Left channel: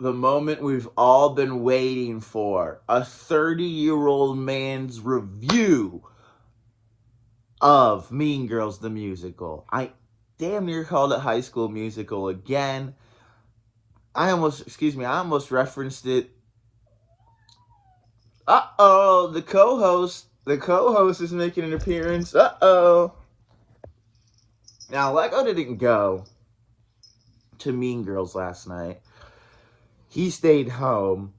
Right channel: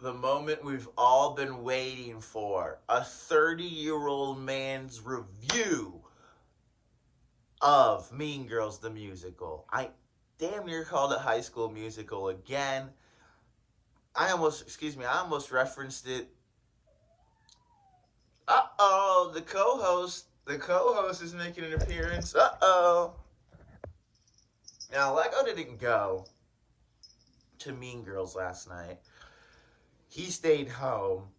the moment we've all been waiting for. A 30-year-old man's review of Mean Girls the Musical. I damn near called it High School Musical again. I almost referenced it. Uh-oh, the co-host is making an appearance. Uh-oh. Now, Lego didn't go to Mean Girls last night. He stayed home.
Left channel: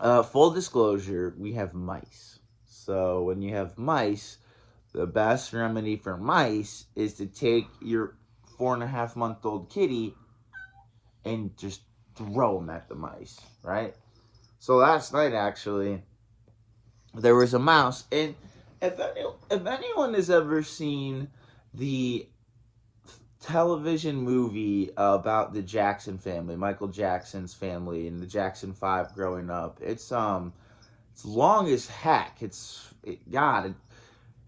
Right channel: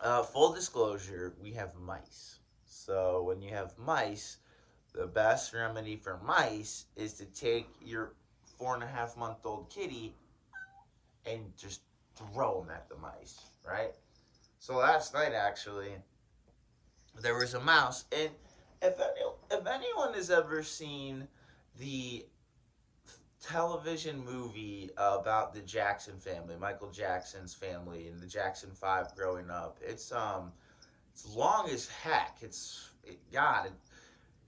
Full disclosure, we have mice. So when you have mice, the best remedy for mice is to take your 4.5-month-old kitty and just throw them at the mice, right? So last night, actually, there was a mouse. And if anyone has ever seen the television movie about the Jackson family, Michael Jackson's family, and the Jackson 5 growing up, it's long as heck. It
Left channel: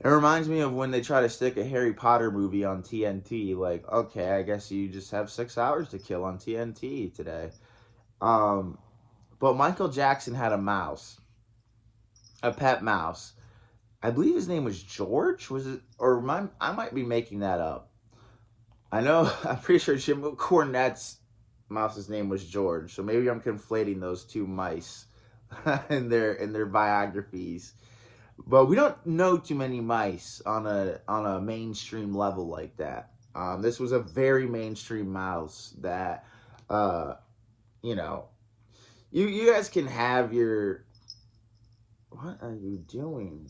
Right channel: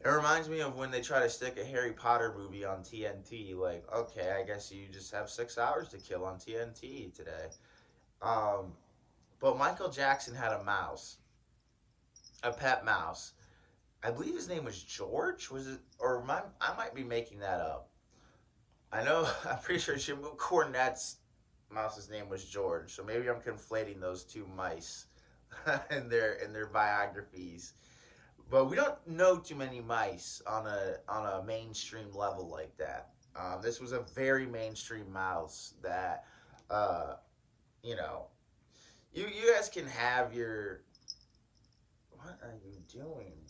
reminds me of when they try to stick a Harry Potter movie on TNT. Like, okay, I guess you just have 6 hours to kill on TNT today. Um, but Michael Jackson had a mouse, a pet mouse. I believe his name was George. Was it? I might be making that up. I know. I'm pretty sure Jim Cornette's mouse's name was George. So maybe I'm conflating those two mice in their biographies. But we don't know too many mice on a mainstream level like that. This was a very mainstream mouse that, uh, you know, you guys can have your. What are you doing?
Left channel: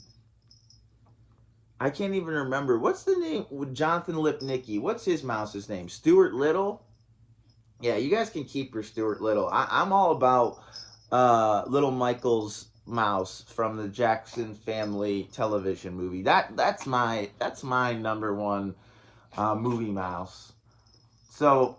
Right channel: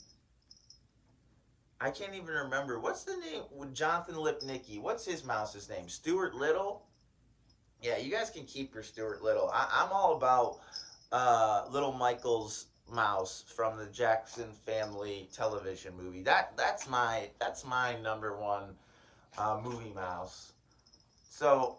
I can't even remember. What's the name? Jonathan Lipnicki. What's his mouse's name? Stuart Little? Yeah, you guys can keep your Stuart Little. I'm all about Little Michael's mouse from the Jackson Family television movie. That's my number one movie mouse. So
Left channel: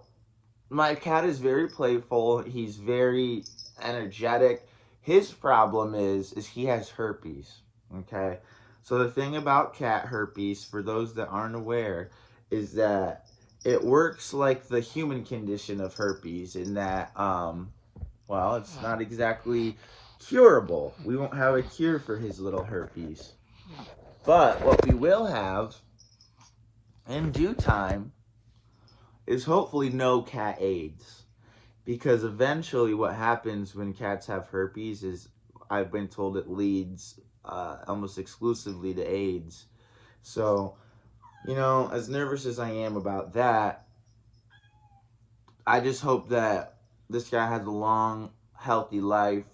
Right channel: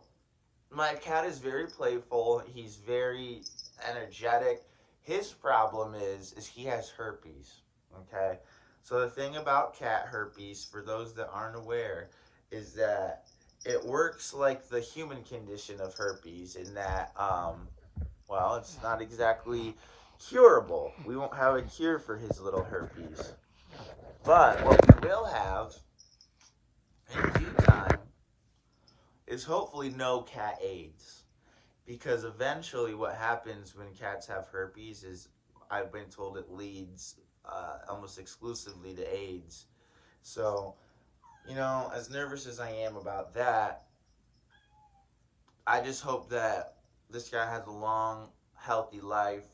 my cat is very playful. He's very energetic. His problem is he has herpes. Okay, so the thing about cat herpes, for those that aren't aware, is that it works like the human condition of herpes in that, well, it's not exactly curable. We won't have a cure for his little herpes. But what we will have in due time is hopefully no cat AIDS. Because eventually, what happens when cats have herpes is, I've been told, it leads almost exclusively to AIDS. So, as nervous as I am about that, I just hope that this guy has a long, healthy life.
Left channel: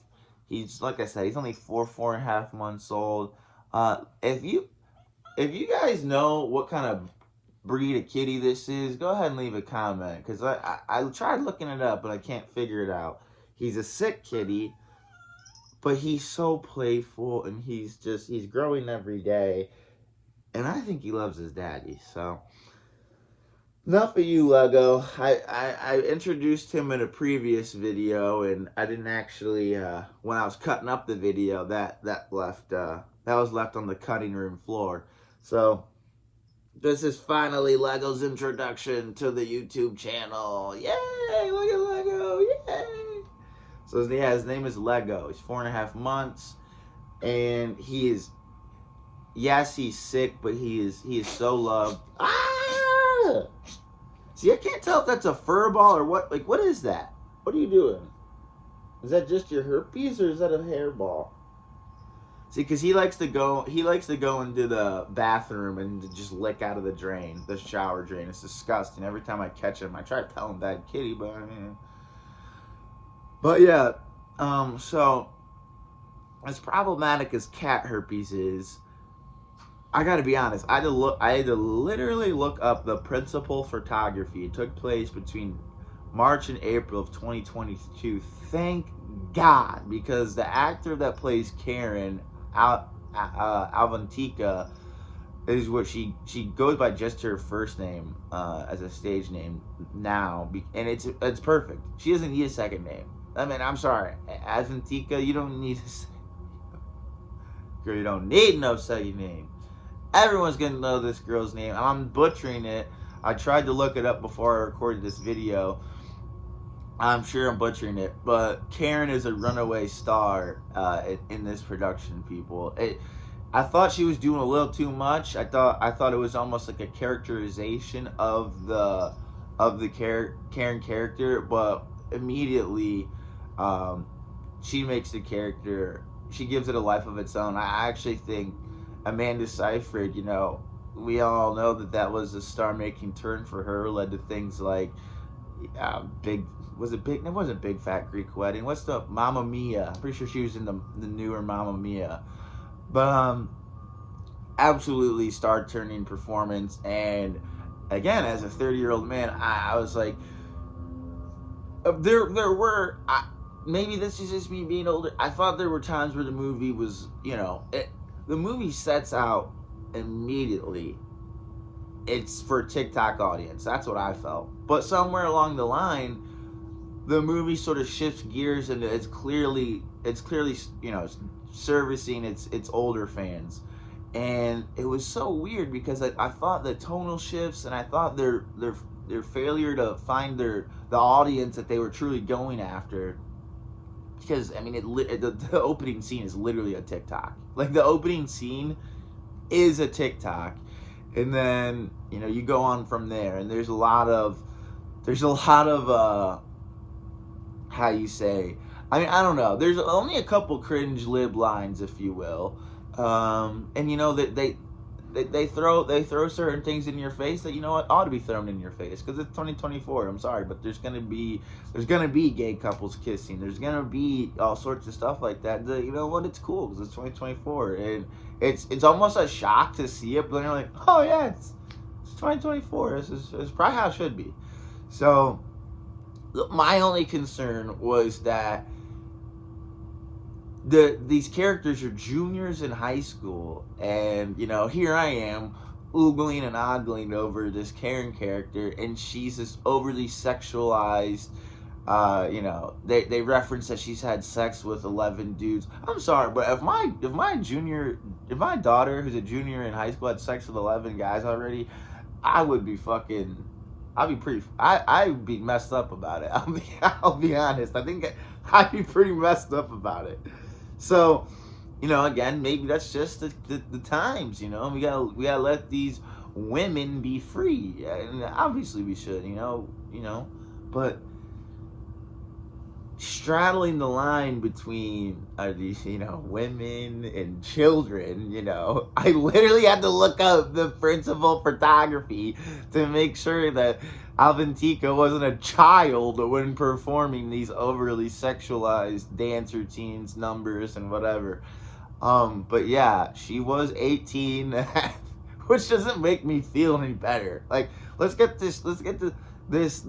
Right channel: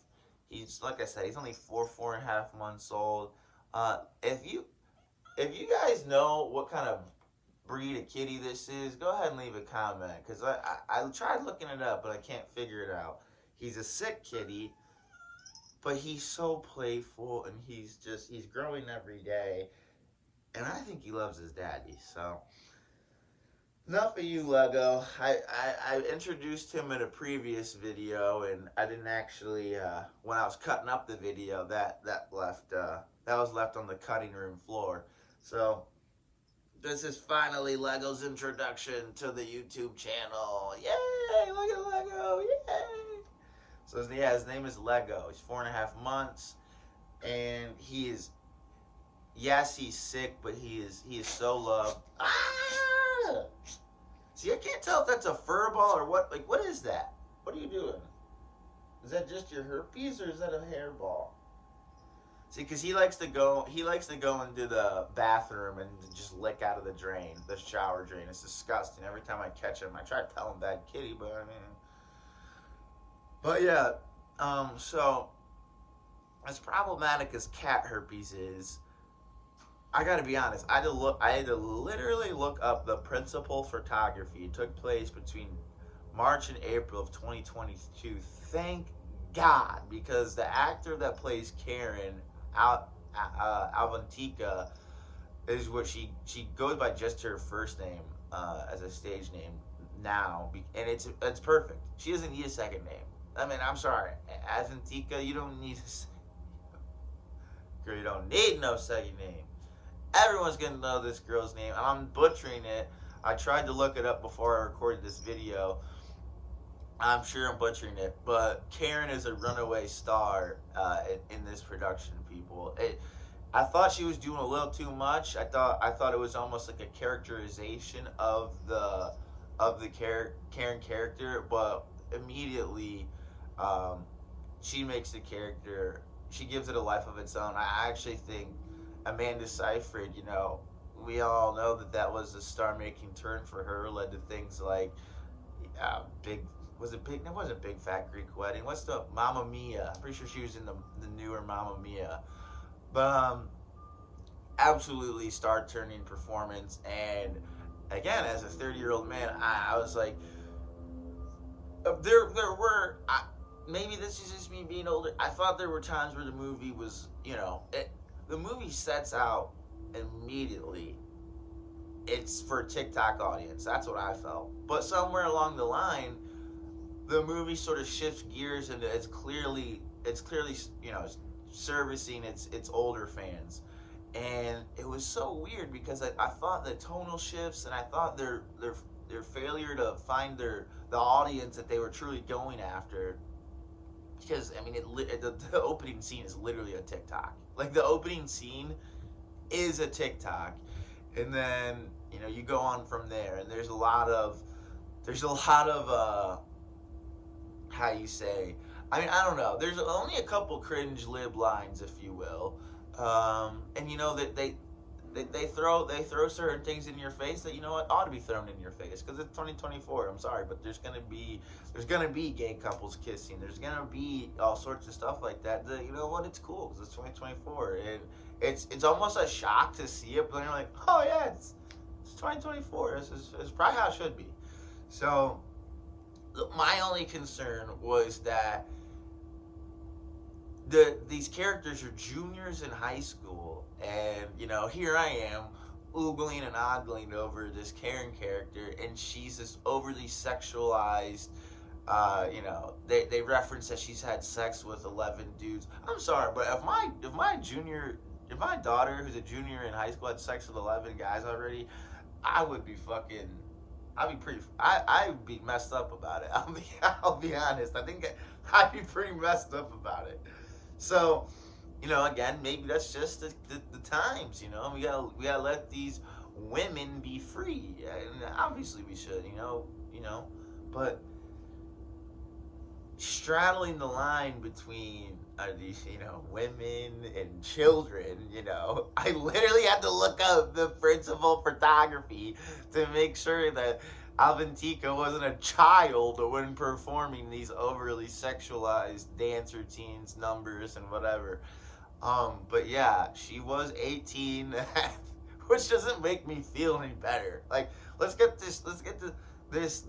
He's, like I said, he's only 4.5 months old. If you guys know what kind of breed of kitty this is, go ahead and leave a comment, because I tried looking it up, but I can't figure it out. He's a sick kitty, but he's so playful, and he's growing every day, and I think he loves his daddy. So enough of you, Lego. I introduced him in a previous video, and I didn't actually, when I was cutting up the video, that was left on the cutting room floor. So this is finally Lego's introduction to the YouTube channel. Yay! Look at Lego! Yay! So his name is Lego. He's 4.5 months, and he's sick, but he is so loved. Ah! See, I can't tell if that's a fur ball or what. Like, what is that? What are you doing? Is that just your herpes, or is that a hairball? See, because he likes to go into the bathroom and just lick out of the drain, the shower drain. It's disgusting. Every time I catch him, I try to tell him bad kitty, but yeah. So as problematic as cat herpes is, I gotta be honest. I had to literally look up the principal photography. It took place between March and April of 2022. Thank God, because the actor that plays Karen, Alvantika, is what she goes by, just her first name as a stage name now, and it's perfect. She doesn't need a second name. I mean, I'm sorry, Alvantika, you don't need girl, you don't need no second name. Everyone's gonna know this girl's name, and I'm butchering it. I tried to look it up before I recorded this video. I'm sure I'm butchering it, but Karen is a runaway star in this production. People, I thought she was doing a little too much. I thought it was almost like a characterization of the Karen character, but immediately, um, she makes the character. She gives it a life of its own. I actually think Amanda Seyfried. We all know that that was a star-making turn for her. Led to things like big. Was it big? It wasn't Big Fat Greek Wedding. What's the Mamma Mia? I'm pretty sure she was in the newer Mamma Mia. But absolutely star turning performance. And again, as a 30-year-old man, I was like, there were maybe this is just me being older. I thought there were times where the movie was, the movie sets out immediately. It's for a TikTok audience. That's what I felt. But somewhere along the line, the movie sort of shifts gears, and it's clearly servicing its older fans. And it was so weird because I thought the tonal shifts, and I thought their failure to find the audience that they were truly going after. Because I mean, the opening scene is literally a TikTok. Like, the opening scene is a TikTok, and then you go on from there, and there's a lot of how you say. I mean, I don't know. There's only a couple cringe lib lines, if you will, and that they throw certain things in your face that ought to be thrown in your face because it's 2024. I'm sorry, but there's gonna be gay couples kissing. There's gonna be all sorts of stuff like that. You know what? It's cool because it's 2024, and it's almost a shock to see it. But then you're like, oh yeah, it's 2024. This is probably how it should be. So my only concern was that these characters are juniors in high school, and here I am oogling and ogling over this Karen character, and she's this overly sexualized. They reference that she's had sex with 11 dudes. I'm sorry, but if my daughter who's a junior in high school had sex with 11 guys already, I would be fucking. I'd be messed up about it. I'll be honest. I think I'd be pretty messed up about it. So, again, maybe that's just the times. We gotta let these women be free, and obviously we should. But straddling the line between these, women and children, I literally had to look up the principal photography to make sure that Avantika wasn't a child when performing these overly sexualized dance routines, numbers, and whatever. But yeah, she was 18, which doesn't make me feel any better. Like, let's get to this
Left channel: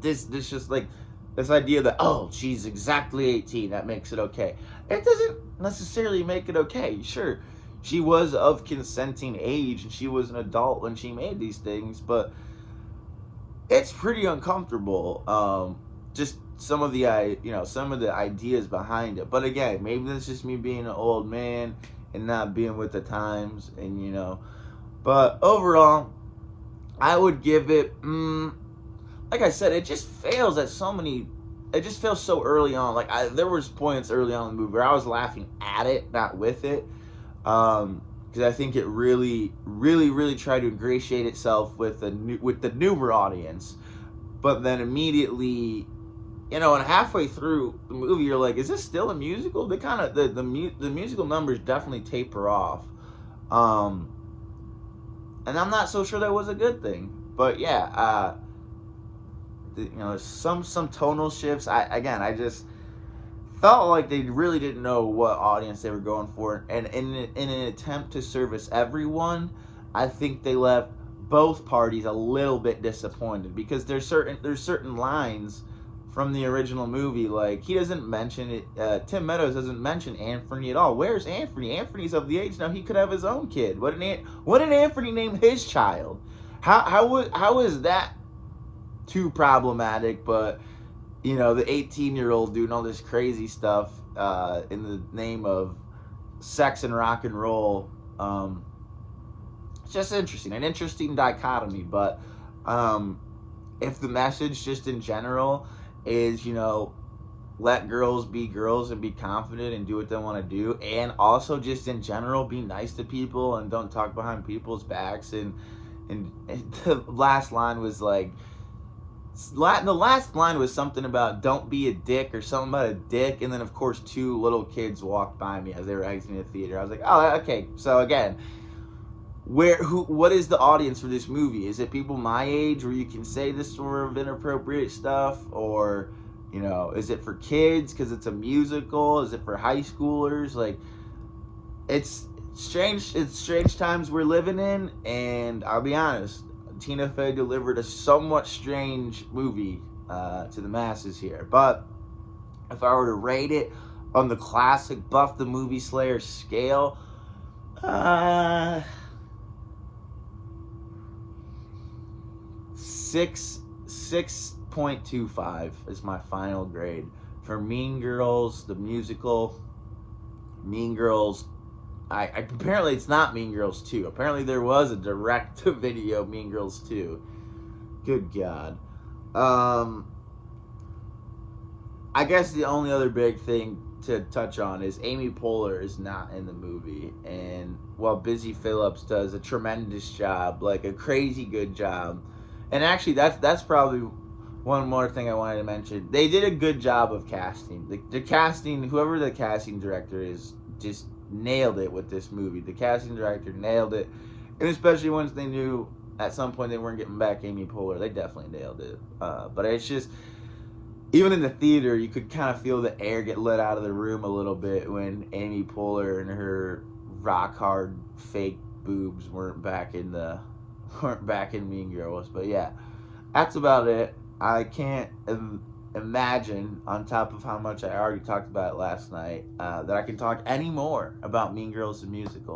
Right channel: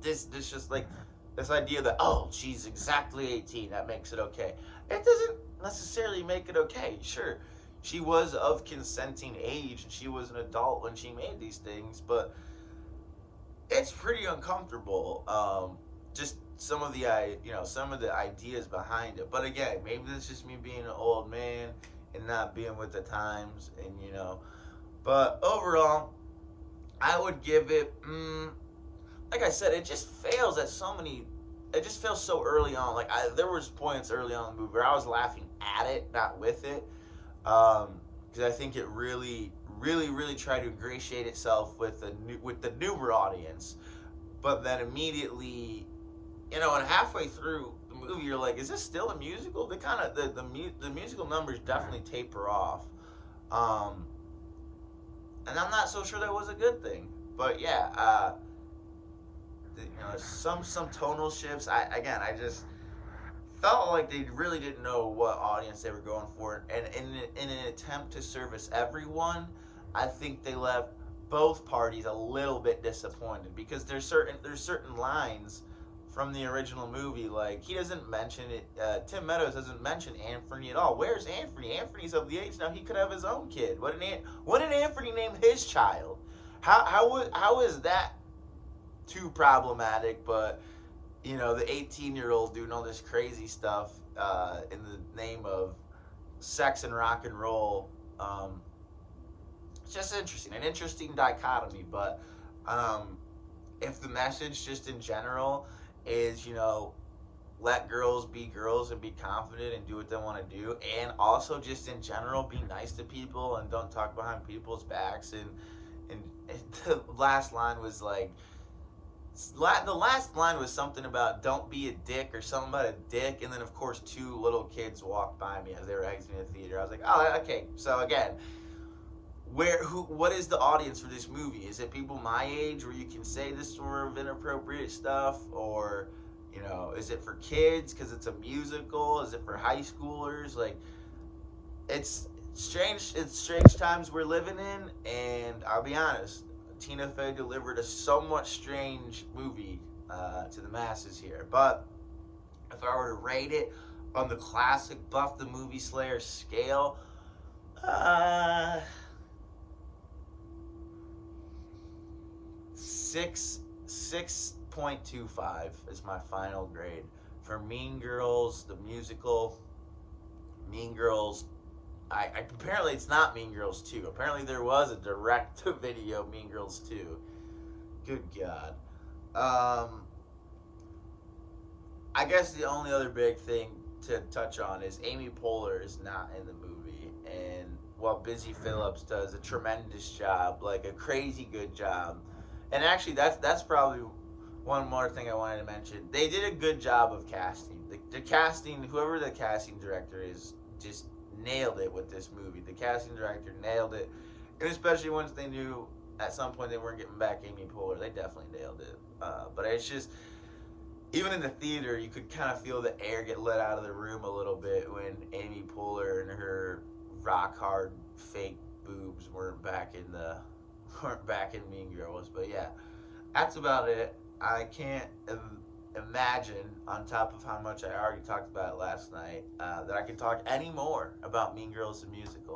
just like this idea that, oh, she's exactly 18, that makes it okay. It doesn't necessarily make it okay. Sure, she was of consenting age and she was an adult when she made these things, but it's pretty uncomfortable. Just some of the ideas behind it. But again, maybe that's just me being an old man and not being with the times, and but overall, I would give it. Like I said, it just fails at so many. It just fails so early on. Like, there was points early on in the movie where I was laughing at it, not with it, because I think it really, really, really tried to ingratiate itself with the newer audience. But then immediately, and halfway through the movie, you're like, is this still a musical? They kind of the musical numbers definitely taper off, and I'm not so sure that was a good thing. But yeah. Some tonal shifts. I just felt like they really didn't know what audience they were going for, and in an attempt to service everyone, I think they left both parties a little bit disappointed because there's certain lines from the original movie, like he doesn't mention it. Tim Meadows doesn't mention Anthony at all. Where's Anthony? Anthony's of the age now he could have his own kid. What did Anthony name his child? How is that too problematic? But the 18-year-old doing all this crazy stuff in the name of sex and rock and roll. It's just interesting, an interesting dichotomy. But if the message just in general is, you know, let girls be girls and be confident and do what they want to do, and also just in general be nice to people and don't talk behind people's backs, and the last line was like, the last line was something about don't be a dick or something about a dick, and then of course two little kids walked by me as they were exiting the theater. I was like, oh, okay. So again, what is the audience for this movie? Is it people my age where you can say this sort of inappropriate stuff, or, you know, is it for kids because it's a musical? Is it for high schoolers? Like, it's strange times we're living in, and I'll be honest, Tina Fey delivered a somewhat strange movie to the masses here. But if I were to rate it on the classic Buff the Movie Slayer scale, uh, 6.25 is my final grade for Mean Girls, the musical. Mean Girls, I apparently it's not Mean Girls 2. Apparently there was a direct-to-video Mean Girls 2. Good God. I guess the only other big thing to touch on is Amy Poehler is not in the movie, and while Busy Phillips does a tremendous job, like a crazy good job. And actually, that's probably one more thing I wanted to mention. They did a good job of casting. The casting, whoever the casting director is, just nailed it with this movie. The casting director nailed it, and especially once they knew at some point they weren't getting back Amy Poehler, they definitely nailed it. But it's just, even in the theater, you could kind of feel the air get let out of the room a little bit when Amy Poehler and her rock hard fake boobs weren't back in Mean Girls. But yeah, that's about it. I can't imagine, on top of how much I already talked about it last night, that I can talk any more about Mean Girls the musical.